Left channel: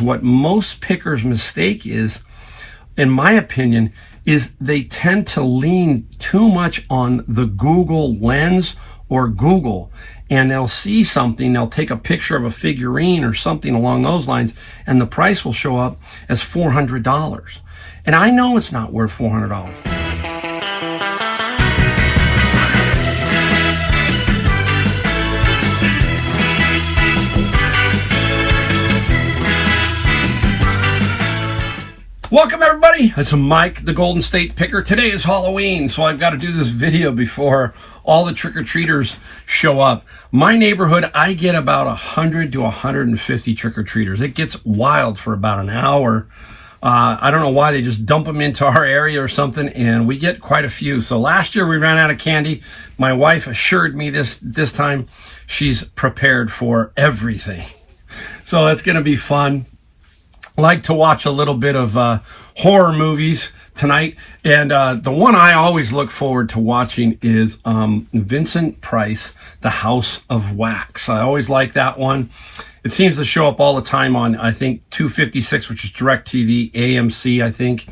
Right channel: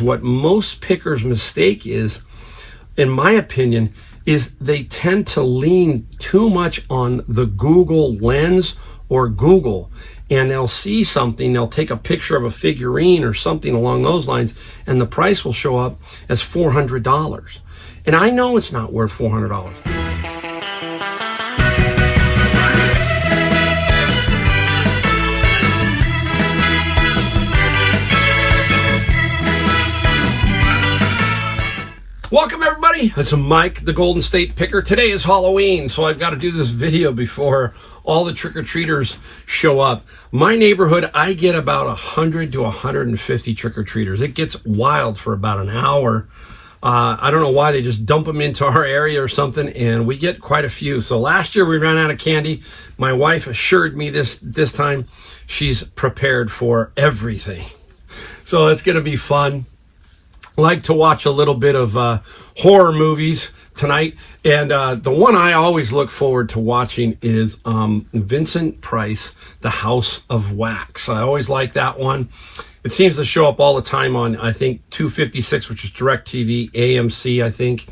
What most pickers mistake is, in my opinion, is they tend to lean too much on the Google lens or Google, and they'll see something, they'll take a picture of a figurine or something along those lines, and the price will show up as $400. And I know it's not worth $400. Welcome everybody, it's Mike, the Golden State Picker. Today is Halloween, so I've got to do this video before all the trick-or-treaters show up. My neighborhood, I get about 100 to 150 trick-or-treaters. It gets wild for about an hour. I don't know why, they just dump them into our area or something, and we get quite a few. So last year we ran out of candy. My wife assured me this time she's prepared for everything. So it's going to be fun. Like to watch a little bit of horror movies tonight, and the one I always look forward to watching is Vincent Price, The House of Wax. I always like that one. It seems to show up all the time on, I think, 256, which is DirecTV, AMC, I think.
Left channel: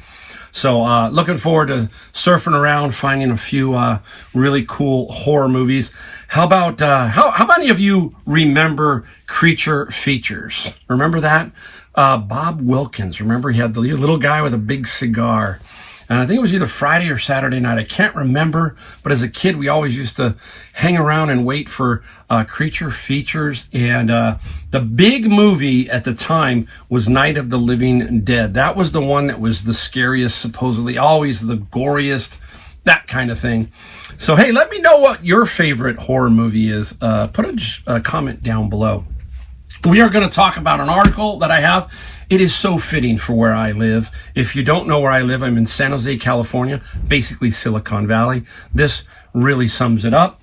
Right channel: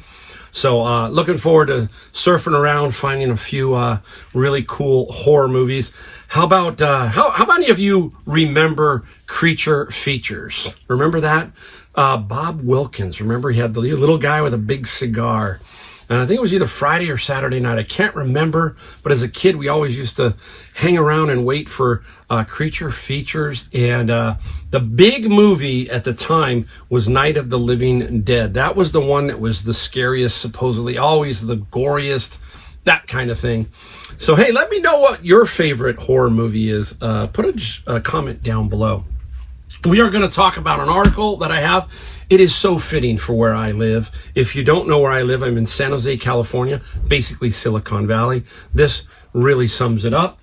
So looking forward to surfing around, finding a few really cool horror movies. How about, how many of you remember Creature Features? Remember that? Bob Wilkins, remember he had the little guy with a big cigar, and I think it was either Friday or Saturday night, I can't remember, but as a kid we always used to hang around and wait for Creature Features, and the big movie at the time was Night of the Living Dead. That was the one that was the scariest, supposedly, always the goriest, that kind of thing. So hey, let me know what your favorite horror movie is. Put a comment down below. We are going to talk about an article that I have. It is so fitting for where I live. If you don't know where I live, I'm in San Jose, California, basically Silicon Valley. This really sums it up.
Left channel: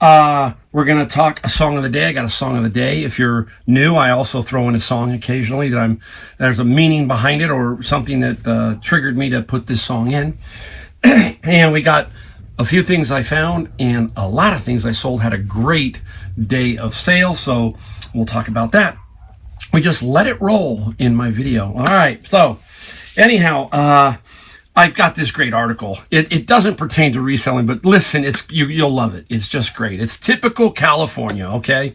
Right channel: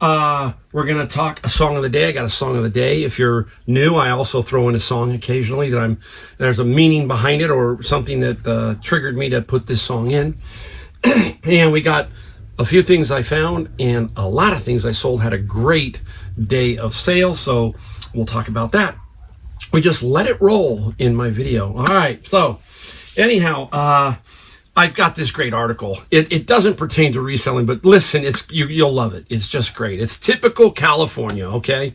We're going to talk a song of the day. I got a song of the day. If you're new, I also throw in a song occasionally that there's a meaning behind it or something that triggered me to put this song in. And we got a few things I found and a lot of things I sold. Had a great day of sale, so we'll talk about that. We just let it roll in my video. All right, so anyhow, I've got this great article. It doesn't pertain to reselling, but listen, you'll love it. It's just great. It's typical California, okay?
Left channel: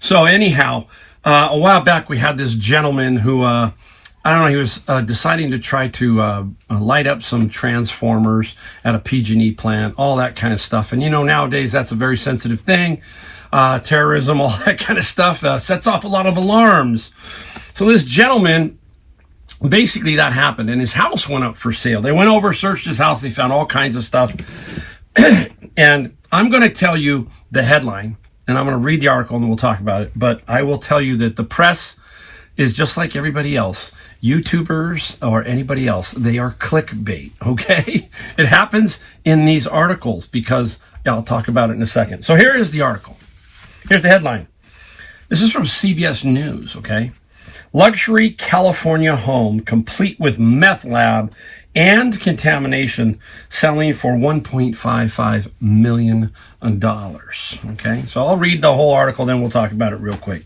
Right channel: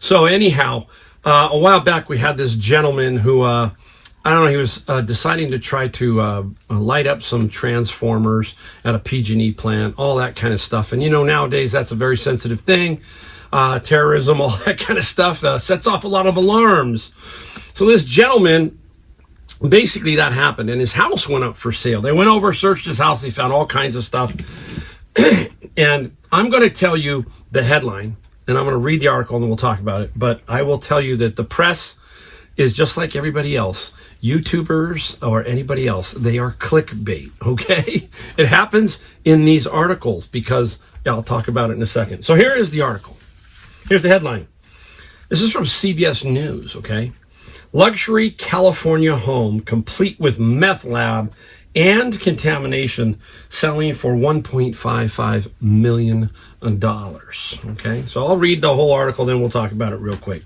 So anyhow, a while back we had this gentleman who, I don't know, he was deciding to try to light up some transformers at a PG&E plant, all that kind of stuff. And you know, nowadays that's a very sensitive thing. Terrorism, all that kind of stuff, sets off a lot of alarms. So this gentleman, basically that happened, and his house went up for sale. They went over, searched his house, they found all kinds of stuff. And I'm going to tell you the headline, and I'm going to read the article and we'll talk about it. But I will tell you that the press is just like everybody else. YouTubers or anybody else, they are clickbait, okay? It happens in these articles because I'll talk about it in a second. So here is the article. Here's the headline. This is from CBS News, okay? Luxury California home complete with meth lab and contamination selling for $1.55 million. Okay, so I'll read the whole article, then we'll talk about it real quick.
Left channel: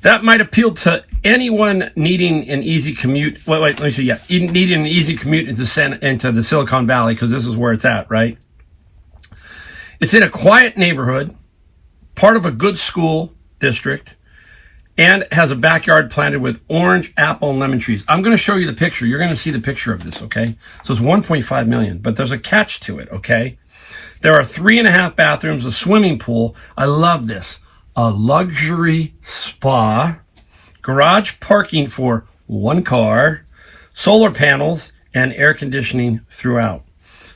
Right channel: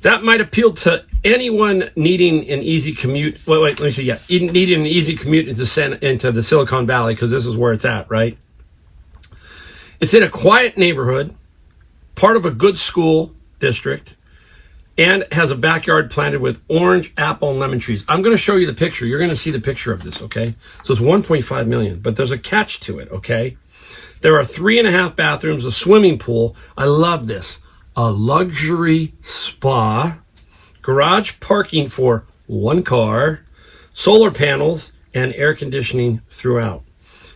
That might appeal to anyone needing an easy commute. Let me see. Yeah, needing an easy commute into the Silicon Valley, because this is where it's at, right? It's in a quiet neighborhood, part of a good school district, and has a backyard planted with orange, apple, and lemon trees. I'm going to show you the picture. You're going to see the picture of this, okay? So it's 1.5 million, but there's a catch to it, okay? There are 3.5 bathrooms, a swimming pool. I love this. A luxury spa, garage parking for 1 car, solar panels, and air conditioning throughout.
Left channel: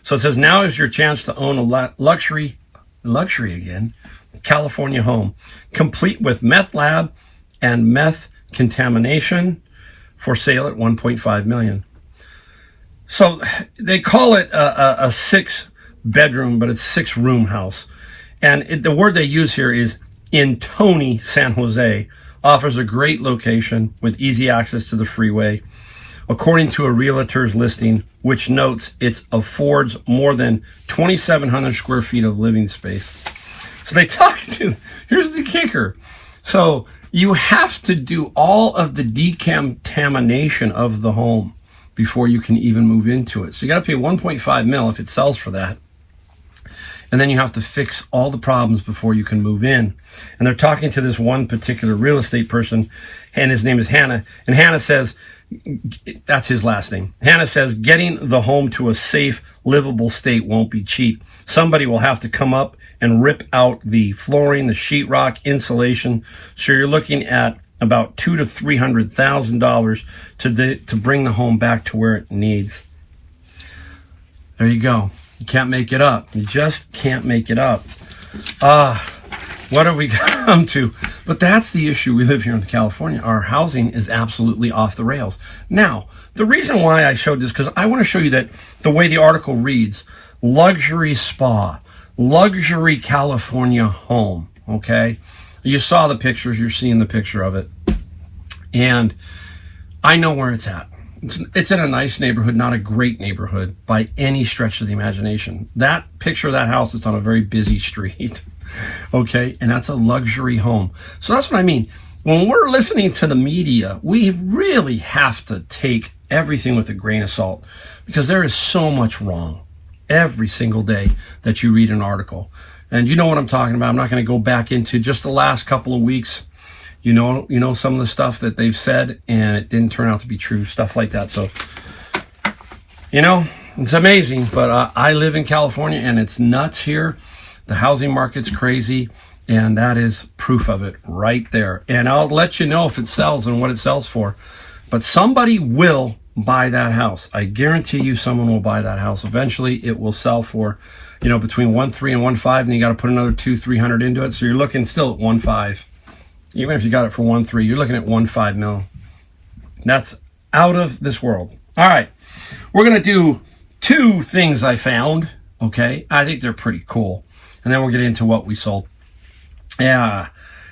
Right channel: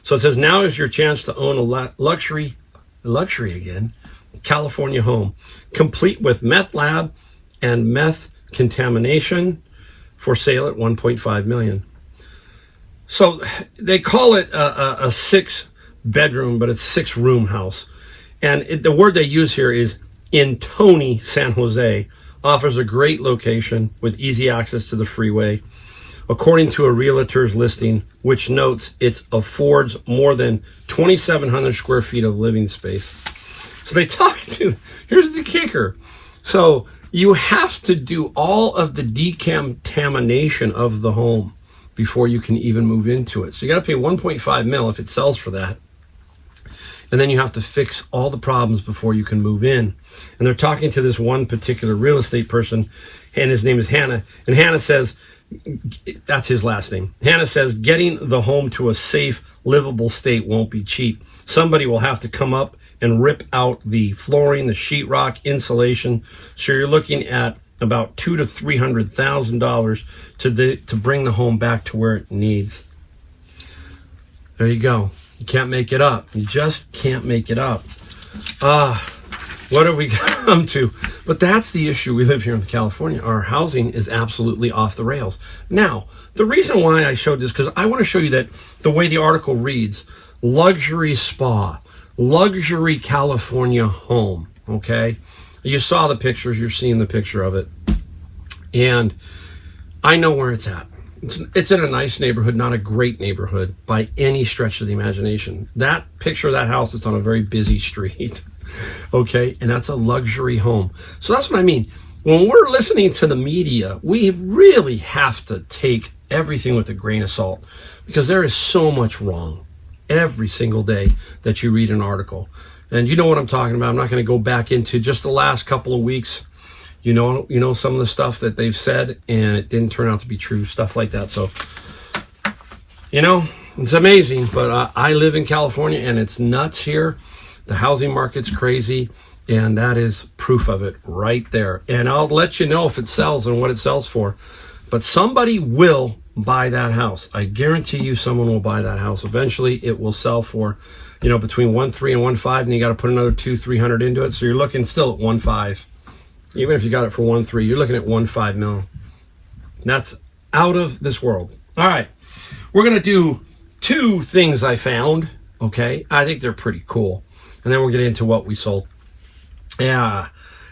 So it says, now is your chance to own a luxury again, California home, complete with meth lab and meth contamination, for sale at $1.5 million. So they call it a 6-bedroom, but it's 6-room house. And the word they use here is in Tony, San Jose. Offers a great location with easy access to the freeway. According to a realtor's listing, which notes it affords more than 2,700 square feet of living space. So they talk to, here's the kicker. So You have to do all of the decontamination of the home before you can even move into it. So you got to pay 1.5 mil if it sells for that. And then you have to fix all the problems before you can move in. And they're talking to this one particular real estate person, and his name is Hannah. And Hannah says, that's his last name. Hannah says, getting the home to a safe, livable state won't be cheap. Somebody will have to come up and rip out the flooring, the sheetrock, insulation. So you're looking at about $200,000 to $300,000 to bring the home back to where it needs. There you go. You can't make it up. You just can't make it up. What have we come to? But that's the issue we live here in California. Our housing is absolutely off the rails. Now, the reason why I showed this, because I want to show you that the way the article reads, luxury spa, luxury California home, okay? You saw the pictures, you're seeing the picture of it. And I know where it's at. It's in a nice neighborhood, not a great neighborhood by any stretch of the imagination. That picture of that house is on a very busy street, okay? And that's a luxury home. So that's what I mean. When we're listening to the media, we really have to take everything with a grain of salt because there is so much wrong every single day that you read an article. And you know what I'm talking about. I'm not going to go back into just the last couple of weeks. You know some of the stuff that they've said, and it didn't turn out to be true, stuff like that. So, it's amazing. But I live in California, and it's nuts here. The housing market's crazy, and that is proof of it right there. And I'll let you know if it sells and what it sells for. But somebody will buy that house. I guarantee you someone will buy that house. Eventually, it will sell for, between 1.3 and 1.5, and you got to put another 200-300 into it. So you're looking still at 1.5. Even if you got it for 1.3, you're looking at 1.5 mil. That's out of this world. All right. We're going to do two things I found. Okay. I think they're pretty cool. And then we'll get into what we sold. Yeah.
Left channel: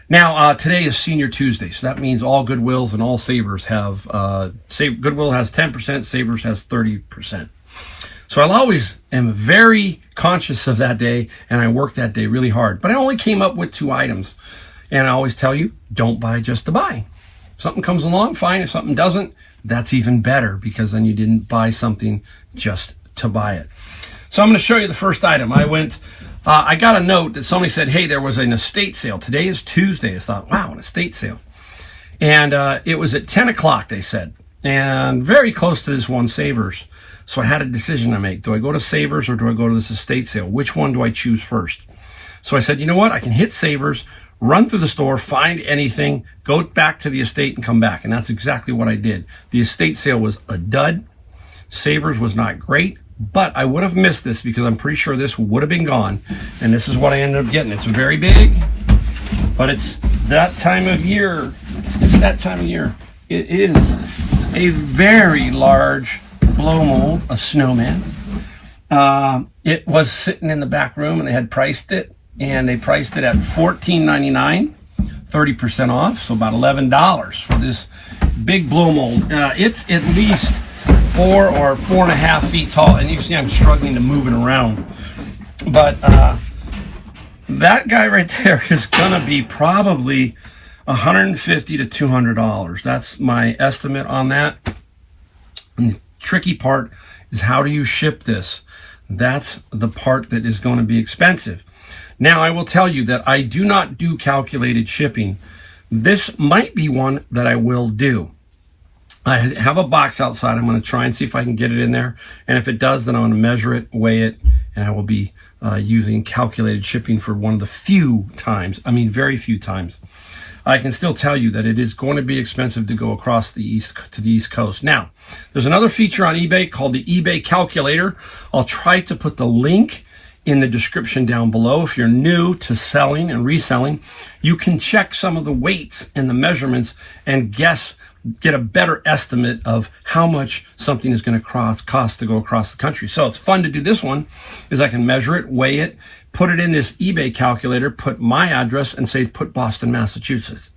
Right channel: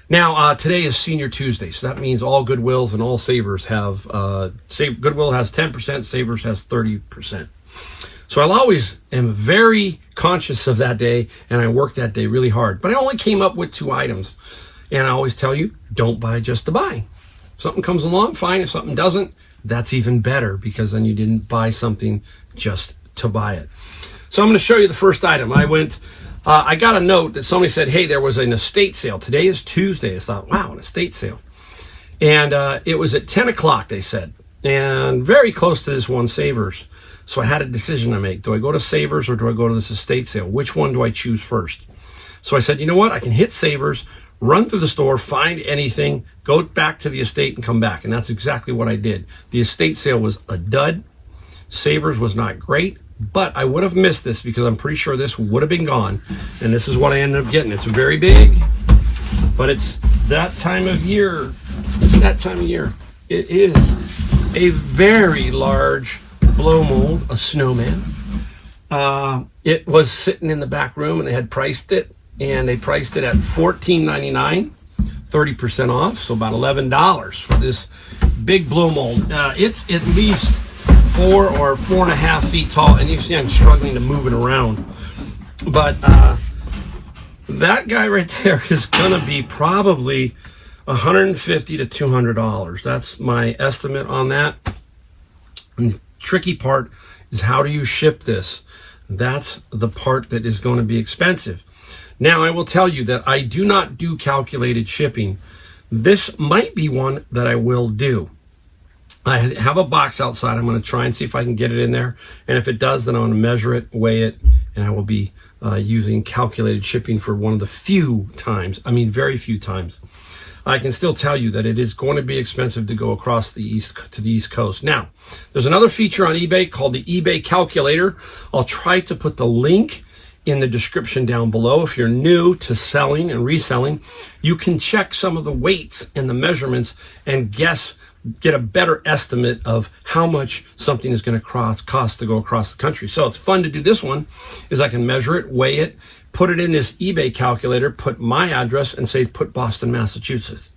Now, today is Senior Tuesday. So that means all Goodwills and all Savers have, Goodwill has 10%, Savers has 30%. So I always am very conscious of that day, and I work that day really hard. But I only came up with 2 items. And I always tell you, don't buy just to buy. If something comes along, fine. If something doesn't, that's even better because then you didn't buy something just to buy it. So I'm going to show you the first item. I got a note that somebody said, hey, there was an estate sale. Today is Tuesday. I thought, wow, an estate sale. And it was at 10 o'clock, they said, and very close to this one Savers. So I had a decision to make. Do I go to Savers or do I go to this estate sale? Which one do I choose first? So I said, you know what? I can hit Savers, run through the store, find anything, go back to the estate and come back. And that's exactly what I did. The estate sale was a dud. Savers was not great, but I would have missed this because I'm pretty sure this would have been gone. And this is what I ended up getting. It's very big, but it's that time of year. It's that time of year. It is a very large blow mold, a snowman. It was sitting in the back room and they had priced it. And they priced it at $14.99, 30% off, so about $11 for this big blow mold. It's at least 4 or 4.5 feet tall, and you see I'm struggling to move it around. But that guy right there is gonna be probably $150 to $200. That's my estimate on that. And the tricky part is how do you ship this? That's the part that is going to be expensive. Now, I will tell you that I do not do calculated shipping. This might be one that I will do. I have a box outside. I'm going to try and see if I can get it in there. And if it does, then I'm going to measure it, weigh it, and I will be using calculated shipping for one of the few times. I mean, very few times. I can still tell you that it is going to be expensive to go across the East Coast. Now, there's another feature on eBay called the eBay Calculator. I'll try to put the link in the description down below. If you're new to selling and reselling, you can check some of the weights and the measurements and get a better estimate of how much something is going to cost to go across the country. So it's fun to do this one, is I can measure it, weigh it, put it in this eBay calculator, put my address and say, put Boston, Massachusetts.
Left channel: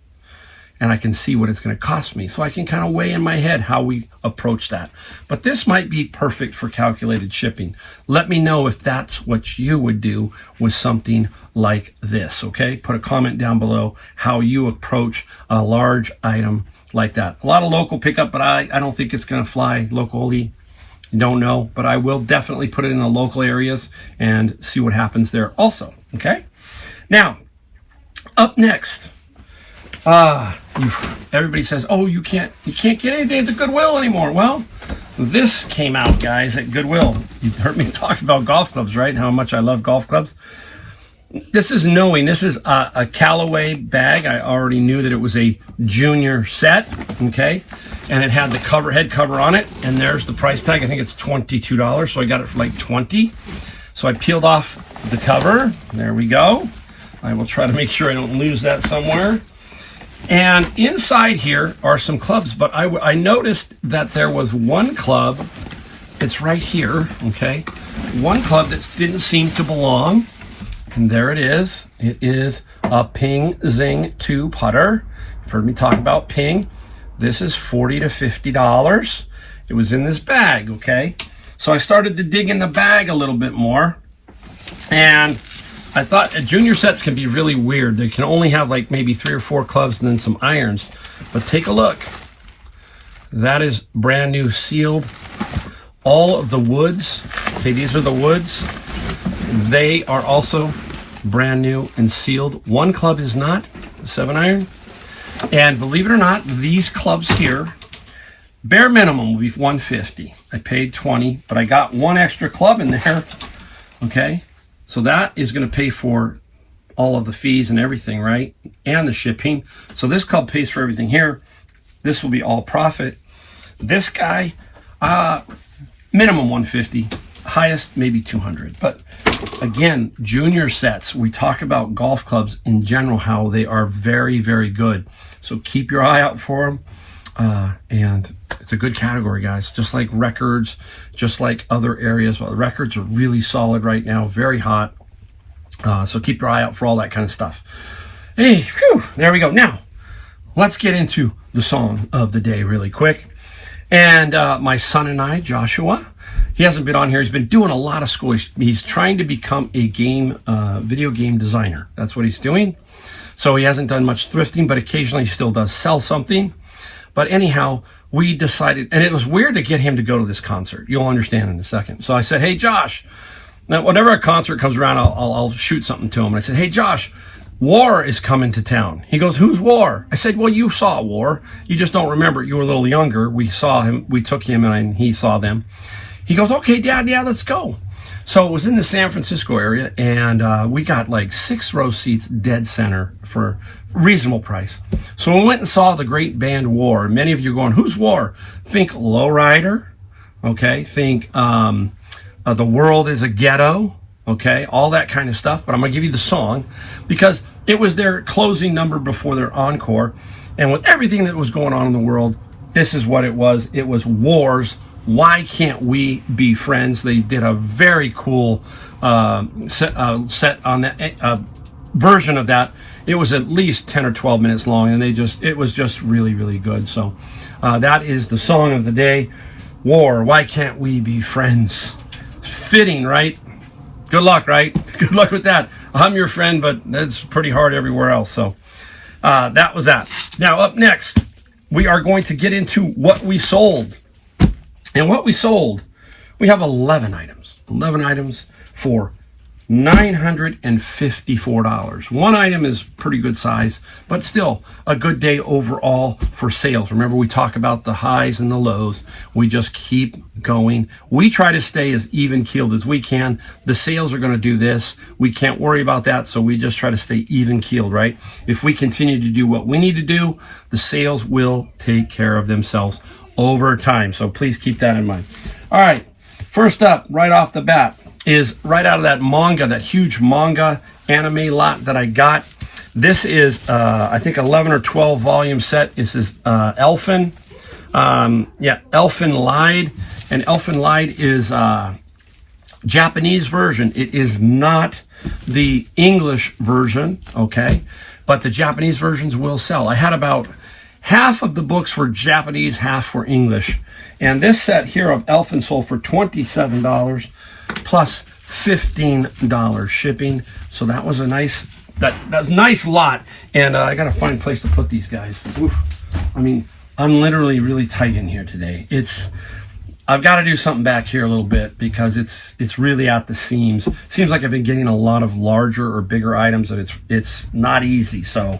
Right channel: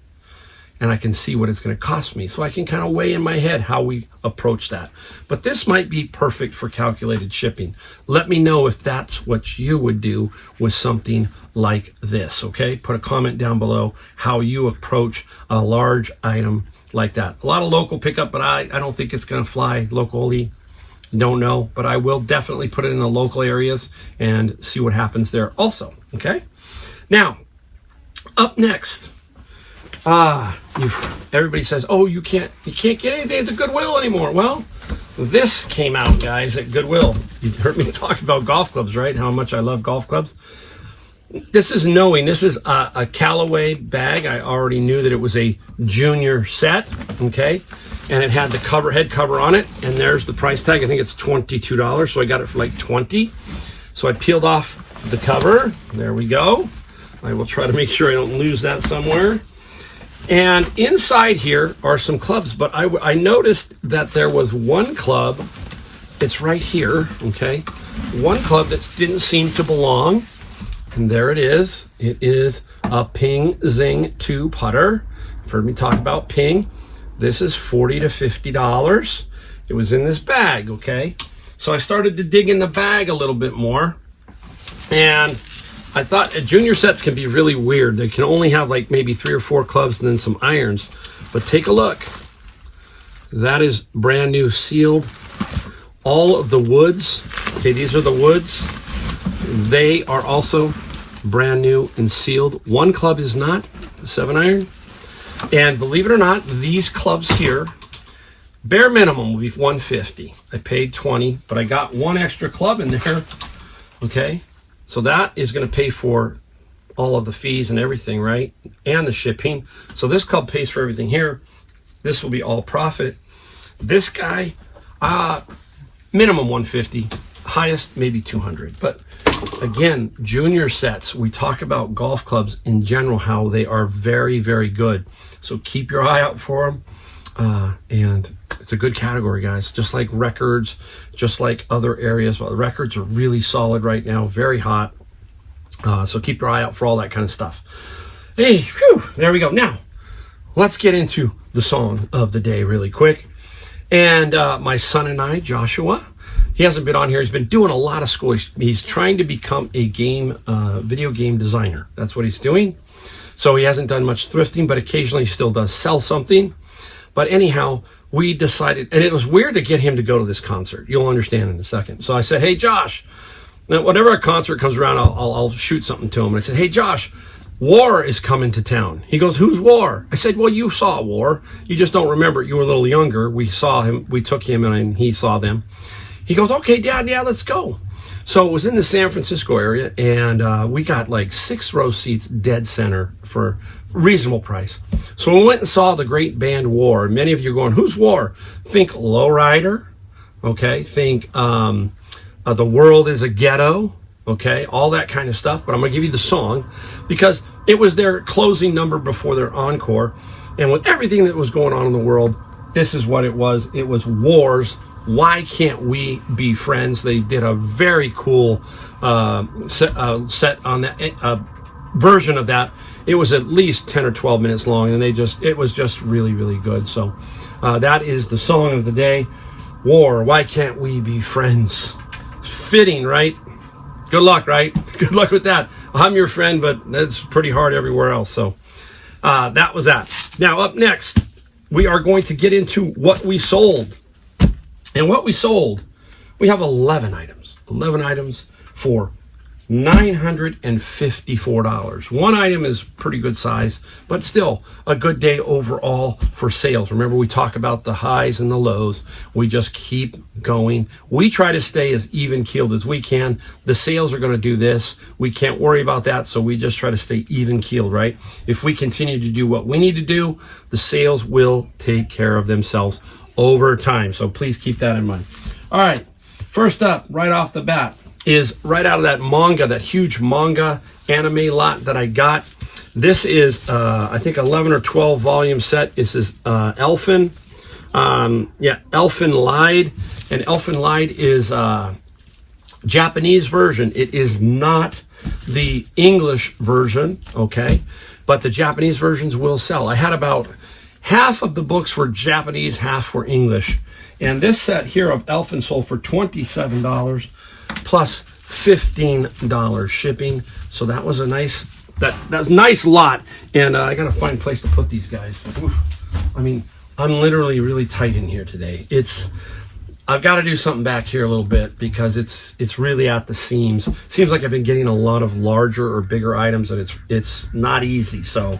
and I can see what it's going to cost me. So I can kind of weigh in my head how we approach that. But this might be perfect for calculated shipping. Let me know if that's what you would do with something like this, okay? Put a comment down below how you approach a large item like that. A lot of local pickup, but I don't think it's going to fly locally. Don't know, but I will definitely put it in the local areas and see what happens there also, okay? Now, up next, everybody says, oh, you can't get anything at the Goodwill anymore. Well, this came out, guys, at Goodwill. You heard me talk about golf clubs, right? How much I love golf clubs. This is a Callaway bag. I already knew that it was a junior set, okay? And it had the head cover on it, and there's the price tag. I think it's $22, so I got it for like $20. So I peeled off the cover. There we go. I will try to make sure I don't lose that somewhere. And inside here are some clubs, but I noticed that there was one club. It's right here, okay? One club that didn't seem to belong. And there it is. It is a Ping Zing 2 putter. You've heard me talk about Ping. This is $40 to $50. It was in this bag, okay? So I started to dig in the bag a little bit more. And I thought junior sets can be really weird. They can only have like maybe 3 or 4 clubs and then some irons. But take a look. That is brand new sealed. All of the woods. Okay, these are the woods. They are also brand new and sealed. One club is not, 7-iron. And believe it or not, these clubs here, bare minimum will be $150. I paid $20, but I got one extra club in there. Okay, so that is going to pay for all of the fees and everything, right? And the shipping. So this club pays for everything here. This will be all profit. This guy, minimum $150, highest maybe $200. But again, junior sets, we talk about golf clubs in general, how they are very, very good. So keep your eye out for them. And it's a good category, guys. Just like records, just like other areas. Well, records are really solid right now, very hot. So keep your eye out for all that kind of stuff. Hey, whew, there we go. Now, let's get into the song of the day really quick. And my son and I, Joshua, he hasn't been on here. He's been doing a lot of school. He's trying to become a video game designer. That's what he's doing. So he hasn't done much thrifting, but occasionally he still does sell something. But anyhow, we decided, and it was weird to get him to go to this concert. You'll understand in a second. So I said, hey, Josh, now whenever a concert comes around, I'll shoot something to him. And I said, hey, Josh, War is coming to town. He goes, who's War? I said, well, you saw War. You just don't remember it. You were a little younger. We saw him. We took him and he saw them. He goes, okay, Dad, yeah, let's go. So it was in the San Francisco area, and we got like 6-row seats dead center for a reasonable price. So we went and saw the great band War. Many of you are going, who's War? Think Lowrider, okay? Think The World is a Ghetto, okay? All that kind of stuff. But I'm going to give you the song because it was their closing number before their encore. And with everything that was going on in the world, this is what it was. It was War's Why Can't We Be Friends? They did a very cool set on that version of that. It was at least 10 or 12 minutes long, and it was just really, really good. So that is the song of the day. War, Why Can't We Be Friends? Fitting, right? Good luck, right? Good luck with that. I'm your friend, but that's pretty hard everywhere else. So that was that. Now, up next, we are going to get into what we sold. And what we sold, we have 11 items. 11 items for $954. One item is pretty good size, but still a good day overall for sales. Remember, we talk about the highs and the lows. We just keep going. We try to stay as even keeled as we can. The sales are going to do this. We can't worry about that, so we just try to stay even keeled, right? If we continue to do what we need to do, the sales will take care of themselves over time. So please keep that in mind. All right, first up, right off the bat, is right out of that manga, that huge manga anime lot that I got. This is, I think, 11 or 12 volume set. This is Elfen. Elfen Lied. And Elfen Lied is Japanese version. It is not the English version, okay? But the Japanese versions will sell. I had about half of the books were Japanese, half were English. And this set here of Elfin sold for $27 plus $15 shipping. So that was a that's a nice lot. And I got to find a place to put these guys. Oof. I mean, I'm literally really tight in here today. I've got to do something back here a little bit because it's really at the seams. Seems like I've been getting a lot of larger or bigger items, and it's not easy. So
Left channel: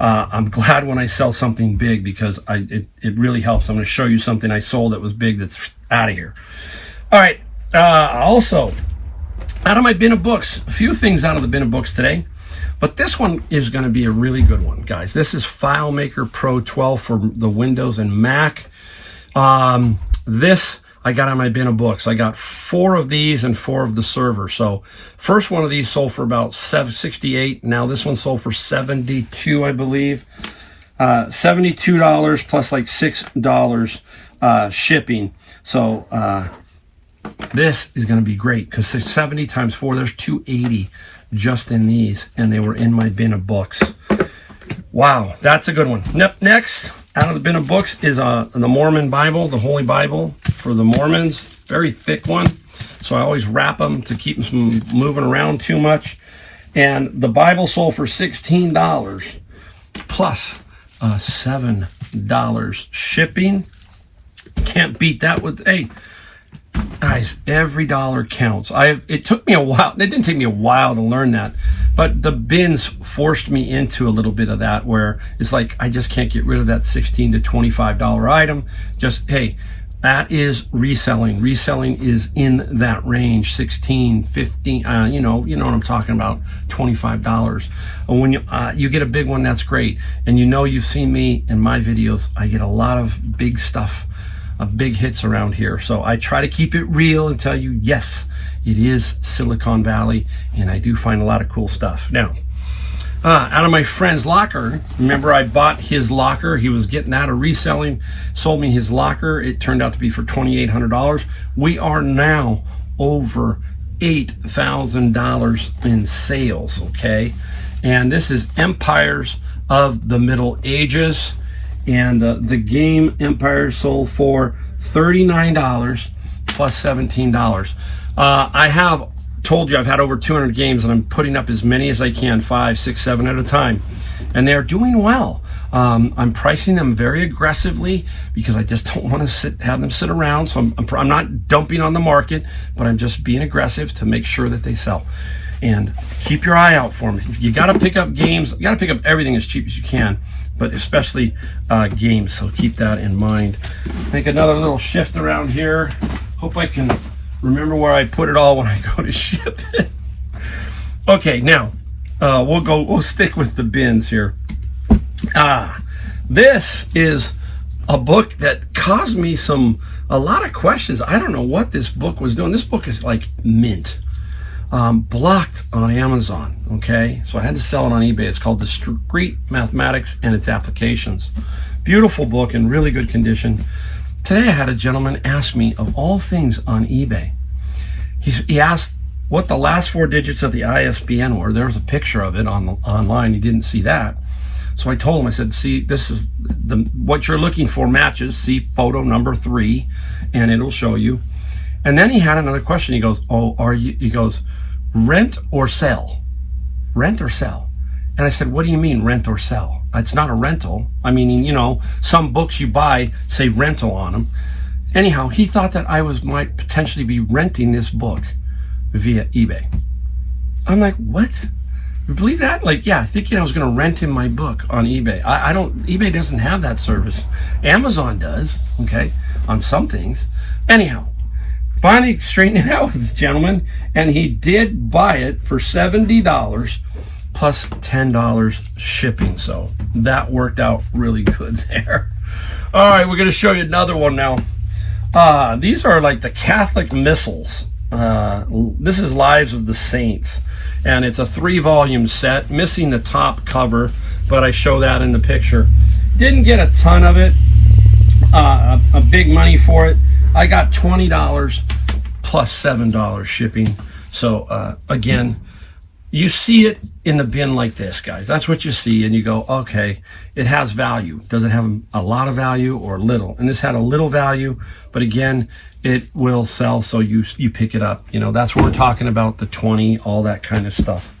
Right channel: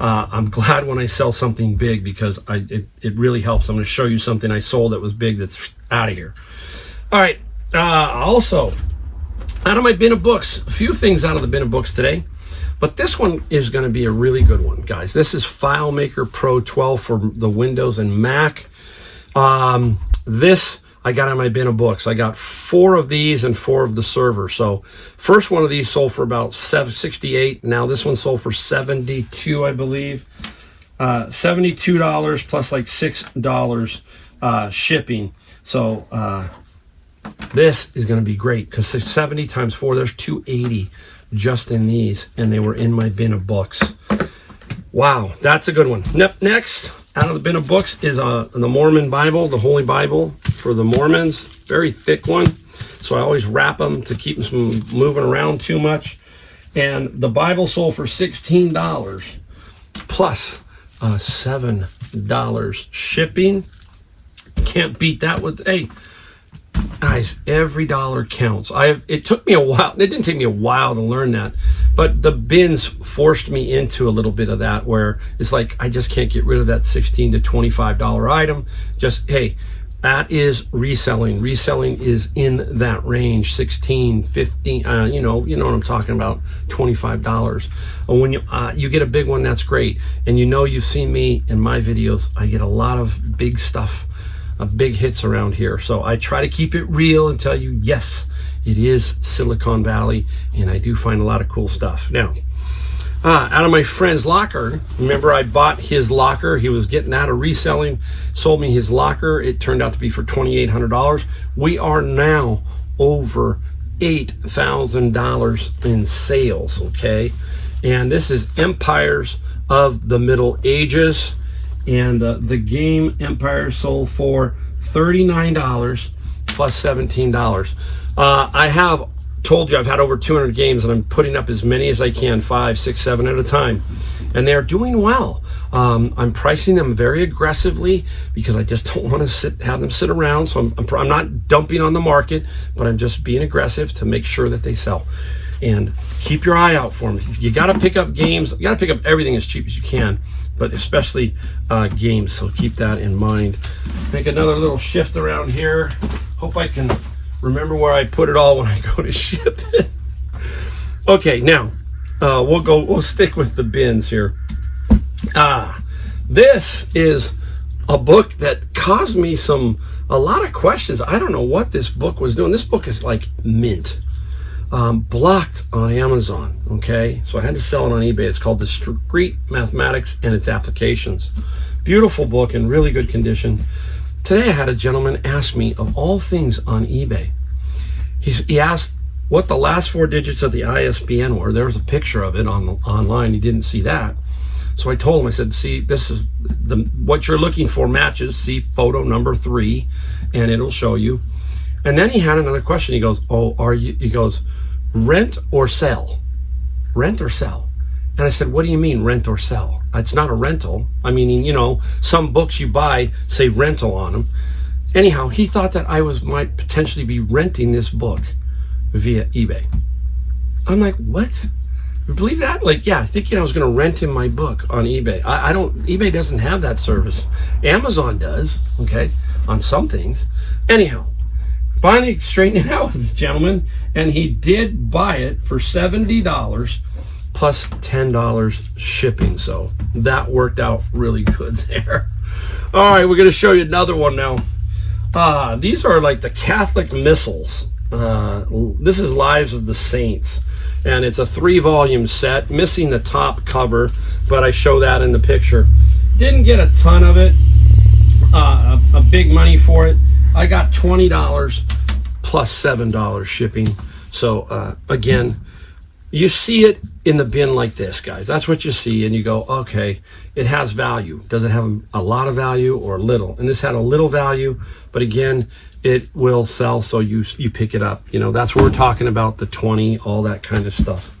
I'm glad when I sell something big because it really helps. I'm going to show you something I sold that was big that's out of here. All right. Also, out of my bin of books, a few things out of the bin of books today. But this one is going to be a really good one, guys. This is FileMaker Pro 12 for the Windows and Mac. This I got on my bin of books. I got 4 of these and 4 of the server. So first one of these sold for about $68. Now this one sold for $72, I believe. $72 plus like $6 shipping. So this is going to be great because 70 times 4, there's 280 just in these, and they were in my bin of books. Wow, that's a good one. Next, out of the bin of books is the Mormon Bible, the Holy Bible for the Mormons. Very thick one, so I always wrap them to keep them from moving around too much. And the Bible sold for $16 plus $7 shipping. Can't beat that with, hey, guys, every dollar counts. It took me a while. It didn't take me a while to learn that, but the bins forced me into a little bit of that where it's like I just can't get rid of that $16 to $25 item. Just, hey, that is reselling. Reselling is in that range, 16, 15, you know what I'm talking about, $25. And when you get a big one, that's great. And you've seen me in my videos, I get a lot of big stuff, big hits around here. So I try to keep it real and tell you, yes, it is Silicon Valley, and I do find a lot of cool stuff. Now, out of my friend's locker, remember I bought his locker. He was getting out of reselling, sold me his locker. It turned out to be for $2,800. We are now over $8,000 in sales, okay? And this is Empires of the Middle Ages. And the game Empire sold for $39 plus $17. I have told you I've had over 200 games, and I'm putting up as many as I can, 5, 6, 7 at a time, and they're doing well. I'm pricing them very aggressively because I just don't want to have them sit around. So I'm not dumping on the market, but I'm just being aggressive to make sure that they sell. And keep your eye out for them. You got to pick up games. You got to pick up everything as cheap as you can, but especially games. So keep that in mind. Make another little shift around here. Hope I can remember where I put it all when I go to ship it. Okay, now we'll stick with the bins here. This is a book that caused me a lot of questions. I don't know what this book was doing. This book is like mint. Blocked on Amazon, okay? So I had to sell it on eBay. It's called Discrete Mathematics and Its Applications. Beautiful book in really good condition. Today I had a gentleman ask me, of all things on eBay, he asked what the last 4 digits of the ISBN were. There was a picture of it online. He didn't see that. So I told him, I said, see, this is what you're looking for matches. See photo number 3, and it'll show you. And then he had another question. He goes, he goes, rent or sell? Rent or sell? And I said, what do you mean rent or sell? It's not a rental. I mean, some books you buy say rental on them. Anyhow, he thought that I might potentially be renting this book via eBay. I'm like, what? You believe that? Like, yeah, thinking I was going to rent him my book on eBay. eBay doesn't have that service. Amazon does, okay, on some things. Anyhow, finally straightened it out with this gentleman, and he did buy it for $70 plus $10 shipping. So that worked out really good there. All right, we're going to show you another one now. These are like the Catholic missals. This is Lives of the Saints, and it's a 3-volume set, missing the top cover, but I show that in the picture. Didn't get a ton of it, a big money for it. I got $20 plus $7 shipping. So again, you see it in the bin like this, guys. That's what you see, and you go, okay, it has value. Does it have a lot of value or little? And this had a little value, but again, it will sell, so you pick it up. You know, that's what we're talking about, the 20, all that kind of stuff.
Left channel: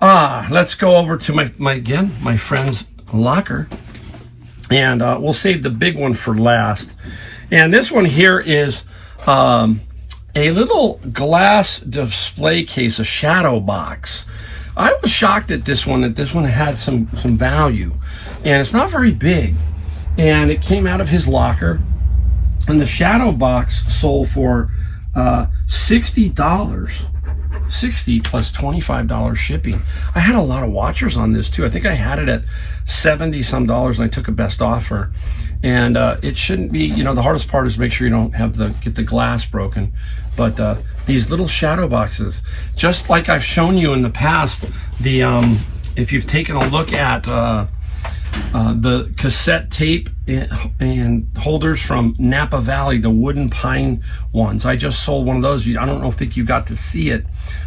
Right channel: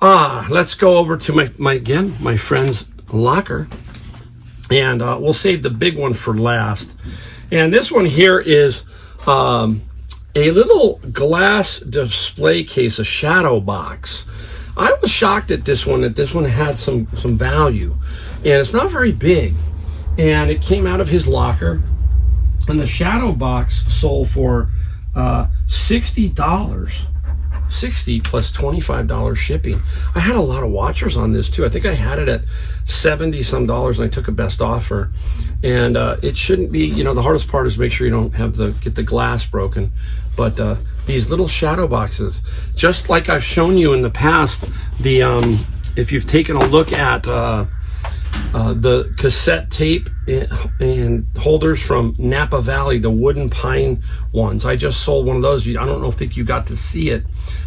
Let's go over to my friend's locker, and we'll save the big one for last. And this one here is a little glass display case, a shadow box. I was shocked at this one, that this one had some value, and it's not very big, and it came out of his locker, and the shadow box sold for $60. 60 plus $25 shipping. I had a lot of watchers on this too. I think I had it at 70 some dollars, and I took a best offer. And it shouldn't be, you know, the hardest part is make sure you don't have get the glass broken. But these little shadow boxes, just like I've shown you in the past, if you've taken a look at the cassette tape and holders from Napa Valley, the wooden pine ones. I just sold one of those. I don't think you got to see it.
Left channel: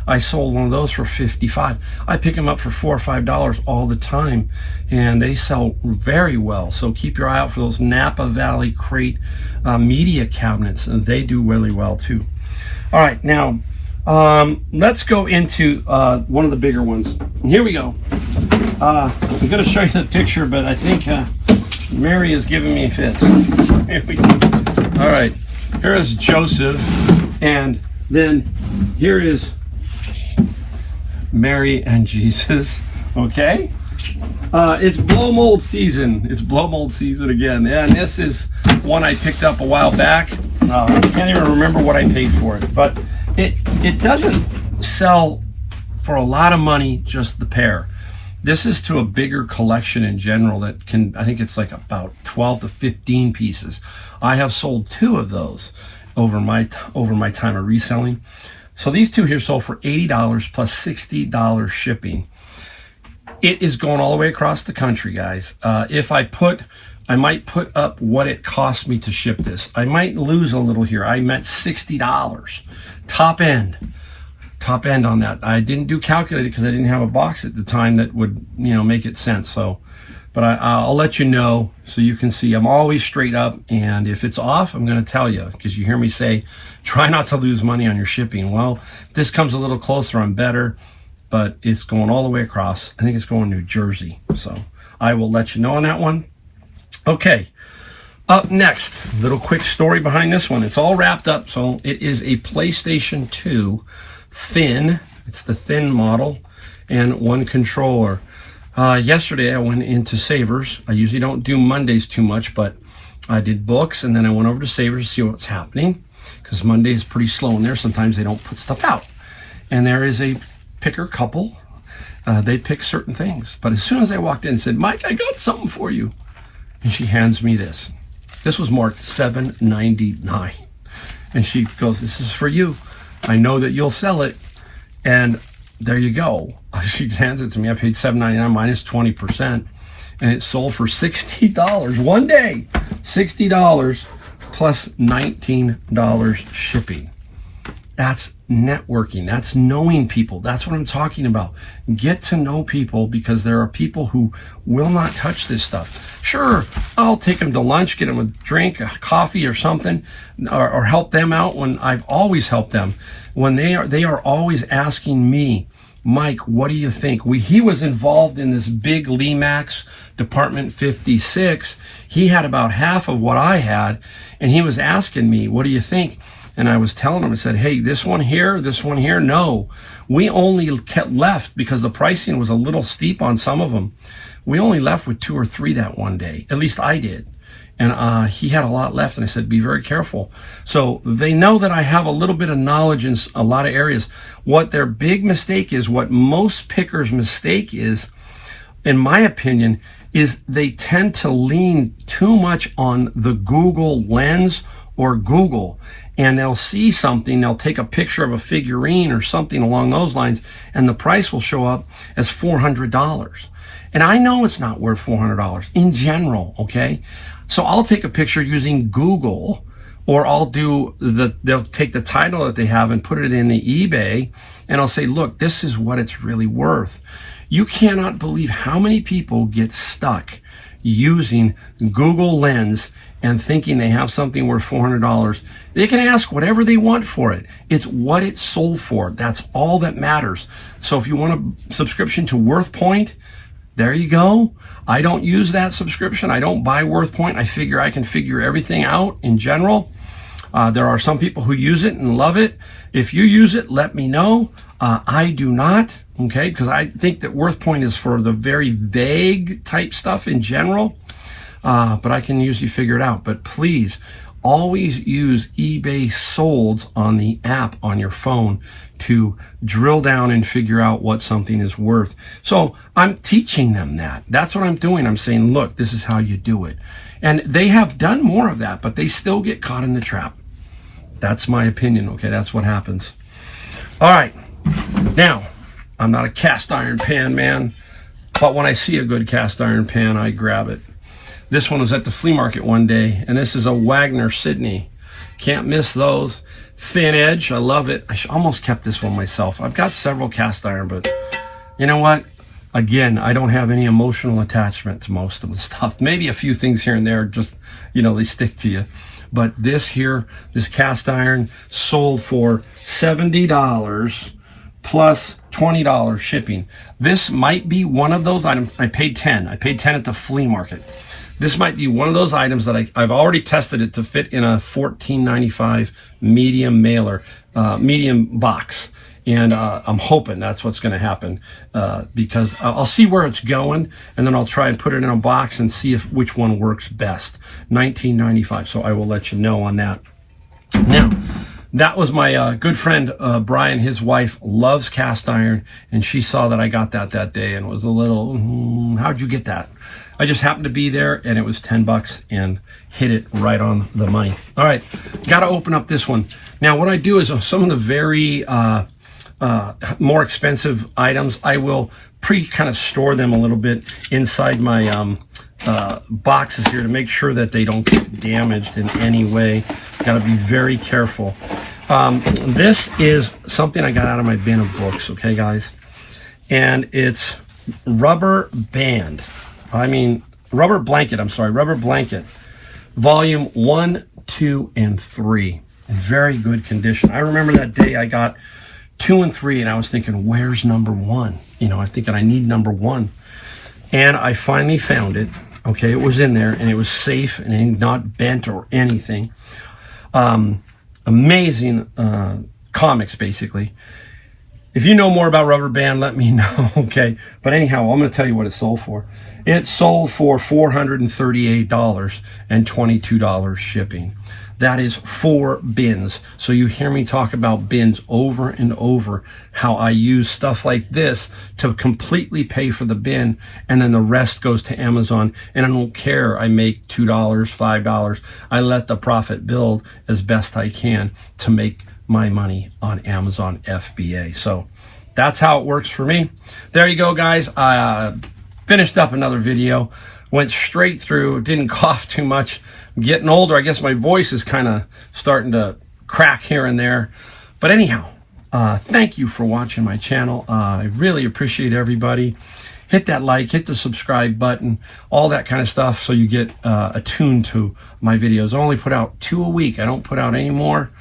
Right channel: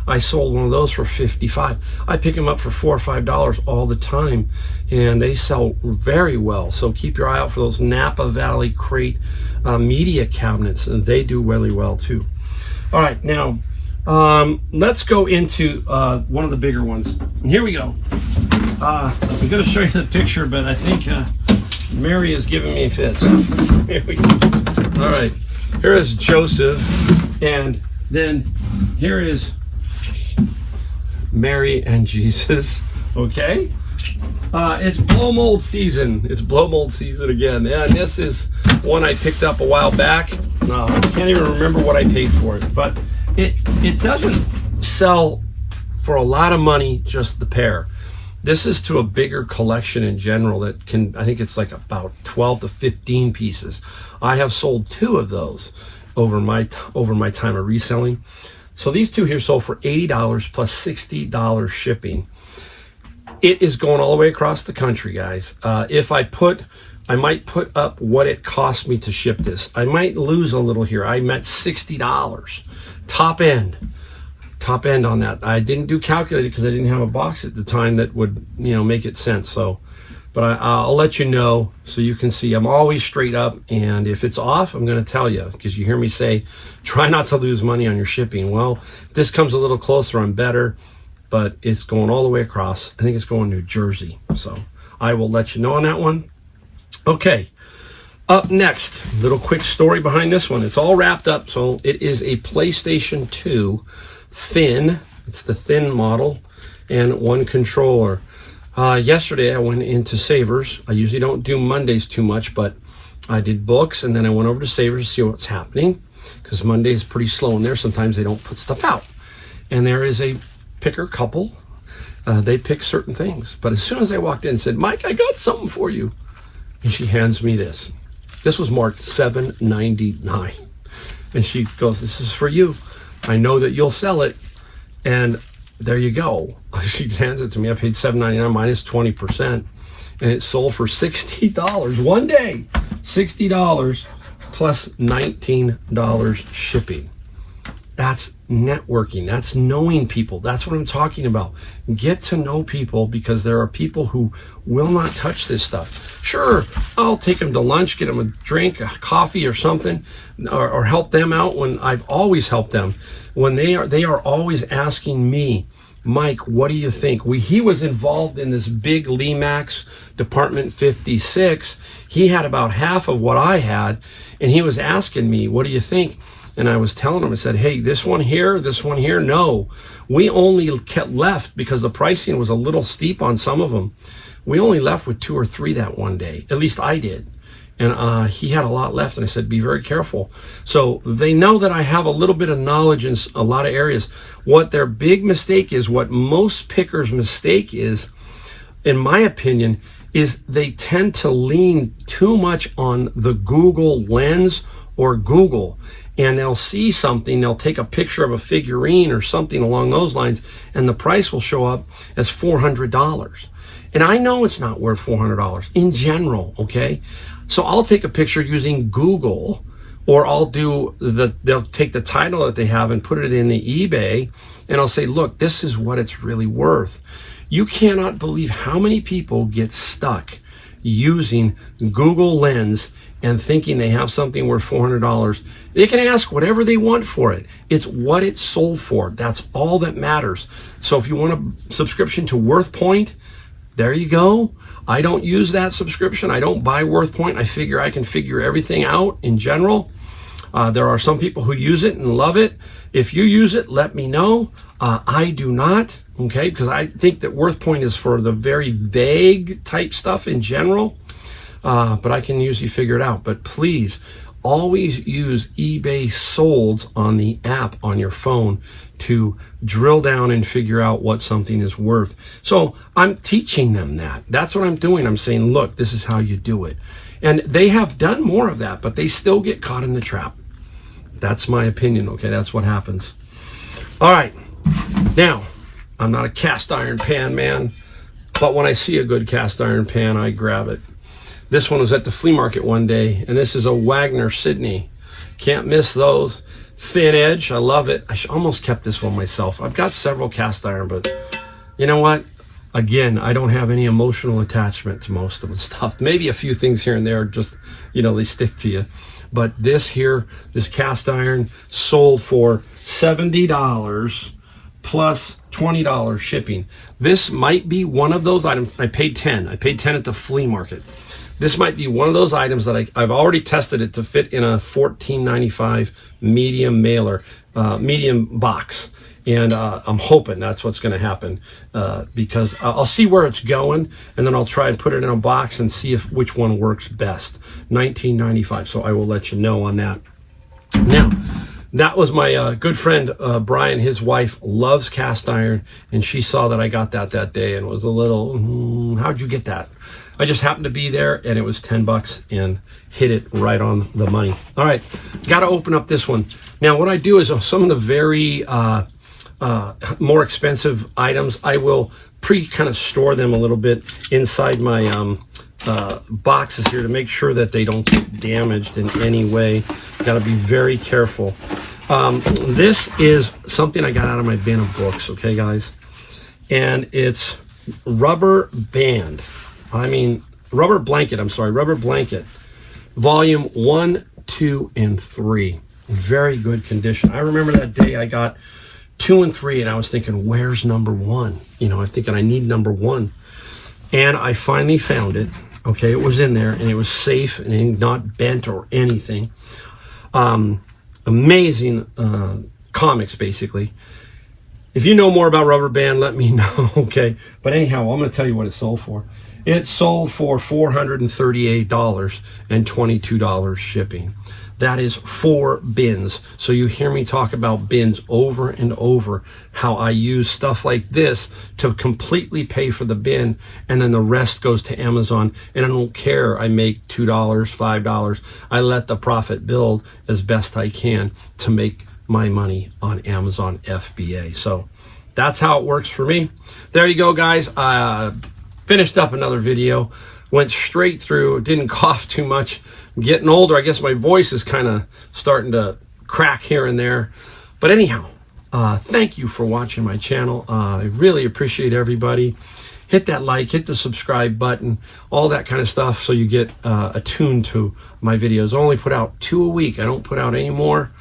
I sold one of those for $55. I pick them up for $4 or $5 all the time, and they sell very well. So keep your eye out for those Napa Valley crate media cabinets, and they do really well too. All right, now let's go into one of the bigger ones. And here we go. I'm going to show you the picture, but I think Mary is giving me fits. Here we go. All right, here is Joseph, and then here is Mary and Jesus. Okay, it's blow mold season. It's blow mold season again, and this is one I picked up a while back. I can't even remember what I paid for it, but it doesn't sell for a lot of money, just the pair. This is to a bigger collection in general that can, I think it's like about 12 to 15 pieces. I have sold 2 of those over my time of reselling. So these 2 here sold for $80 plus $60 shipping. It is going all the way across the country, guys. I might put up what it cost me to ship this. I might lose a little here. I'm at $60 top end on that. I didn't do calculated because I didn't have a box at the time that would, you know, make it sense. So, but I'll let you know so you can see. I'm always straight up, and if it's off, I'm going to tell you, because you hear me say, try not to lose money on your shipping. Well, if this comes a little closer, I'm better, but it's going all the way across. I think it's going New Jersey. So I will let you know on that one. Okay. Up next, little quick story behind this one. It's all wrapped up. So it is a PlayStation 2 thin. It's the thin model, and 1 controller. Yesterday I went into Savers. I usually don't do Mondays too much, but I did books, and then I went over to Savers to see what's happening, because Monday is pretty slow in there. Sometimes they don't put stuff out. And there is a picker couple. They pick certain things. But as soon as I walked in and said, Mike, I got something for you. And she hands me this. This was marked $7.99. And she goes, this is for you. I know that you'll sell it. And there you go. She hands it to me. I paid $7.99 minus 20. And it sold for $60 one day. $60 plus $19 shipping. That's networking. That's knowing people. That's what I'm talking about. Get to know people, because there are people who will not touch this stuff. Sure, I'll take them to lunch, get them a drink, a coffee or something, or help them out when I've always helped them. When they are always asking me, Mike, what do you think? He was involved in this big Lemax Department 56. He had about half of what I had, and he was asking me, what do you think? And I was telling him, I said, hey, this one here, no. We only kept left, because the pricing was a little steep on some of them. We only left with 2 or 3 that one day. At least I did. And he had a lot left, and I said, be very careful. So they know that I have a little bit of knowledge in a lot of areas. What their big mistake is, what most pickers' mistake is, in my opinion, is they tend to lean too much on the Google lens or Google. And they'll see something, they'll take a picture of a figurine or something along those lines, and the price will show up as $400. And I know it's not worth $400 in general, okay? So I'll take a picture using Google, or they'll take the title that they have and put it in the eBay, and I'll say, look, this is what it's really worth. You cannot believe how many people get stuck using Google Lens and thinking they have something worth $400. They can ask whatever they want for it. It's what it's sold for. That's all that matters. So if you want a subscription to WorthPoint, there you go. I don't use that subscription. I don't buy WorthPoint. I figure I can figure everything out in general. There are some people who use it and love it. If you use it, let me know. I do not, okay, because I think that WorthPoint is for the very vague type stuff in general. But I can usually figure it out. But please always use eBay Solds on the app on your phone to drill down and figure out what something is worth. So I'm teaching them that. That's what I'm doing. I'm saying, look, this is how you do it. And they have done more of that, but they still get caught in the trap. That's my opinion, okay? That's what happens. All right. Now, I'm not a cast iron pan man, but when I see a good cast iron pan, I grab it. This one was at the flea market one day, and this is a Wagner Sydney. Can't miss those. Thin edge, I love it. I almost kept this one myself. I've got several cast iron, but you know what? Again, I don't have any emotional attachment to most of the stuff. Maybe a few things here and there, just, you know, they stick to you. But this here, this cast iron sold for $70 plus $20 shipping. This might be one of those items. I paid 10. I paid 10 at the flea market. This might be one of those items that I've already tested it to fit in a $14.95 medium mailer, medium box. And I'm hoping that's what's going to happen because I'll see where it's going, and then I'll try and put it in a box and see which one works best. $19.95. So I will let you know on that. Now, that was my good friend Brian. His wife loves cast iron, and she saw that I got that day and was a little, how'd you get that? I just happened to be there, and it was $10 and hit it right on the money. All right, got to open up this one. Now, what I do is some of the very more expensive items, I will kind of store them a little bit inside my boxes here to make sure that they don't get damaged in any way. Got to be very careful. This is something I got out of my bin of books, okay, guys? And it's Rubber Blanket, volume 1, 2, and 3. In very good condition. I remember that day I got 2 and 3, and I was thinking, where's number 1? You know, I'm thinking I need number 1. And I finally found it. Okay, it was in there, and it was safe and not bent or anything. Amazing comics, basically. If you know more about Rubber Band, let me know, okay? But anyhow, I'm going to tell you what it sold for. It sold for $438 and $22 shipping. That is 4 bins. So you hear me talk about bins over and over, how I use stuff like this to completely pay for the bin, and then the rest goes to Amazon. And I don't care, I make $2, $5. I let the profit build as best I can to make my money on Amazon FBA. So that's how it works for me. There you go, guys. Finished up another video, went straight through, didn't cough too much. I'm getting older. I guess my voice is kind of starting to crack here and there. But anyhow, thank you for watching my channel. I really appreciate everybody. Hit that like, hit the subscribe button, all that kind of stuff, so you get attuned to my videos. I only put out 2 a week. I don't put out any more.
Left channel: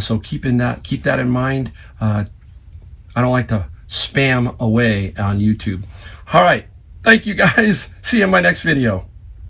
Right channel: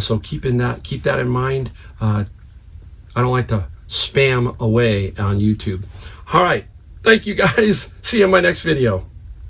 So keep that in mind. I don't like to spam away on YouTube. All right. Thank you, guys. See you in my next video.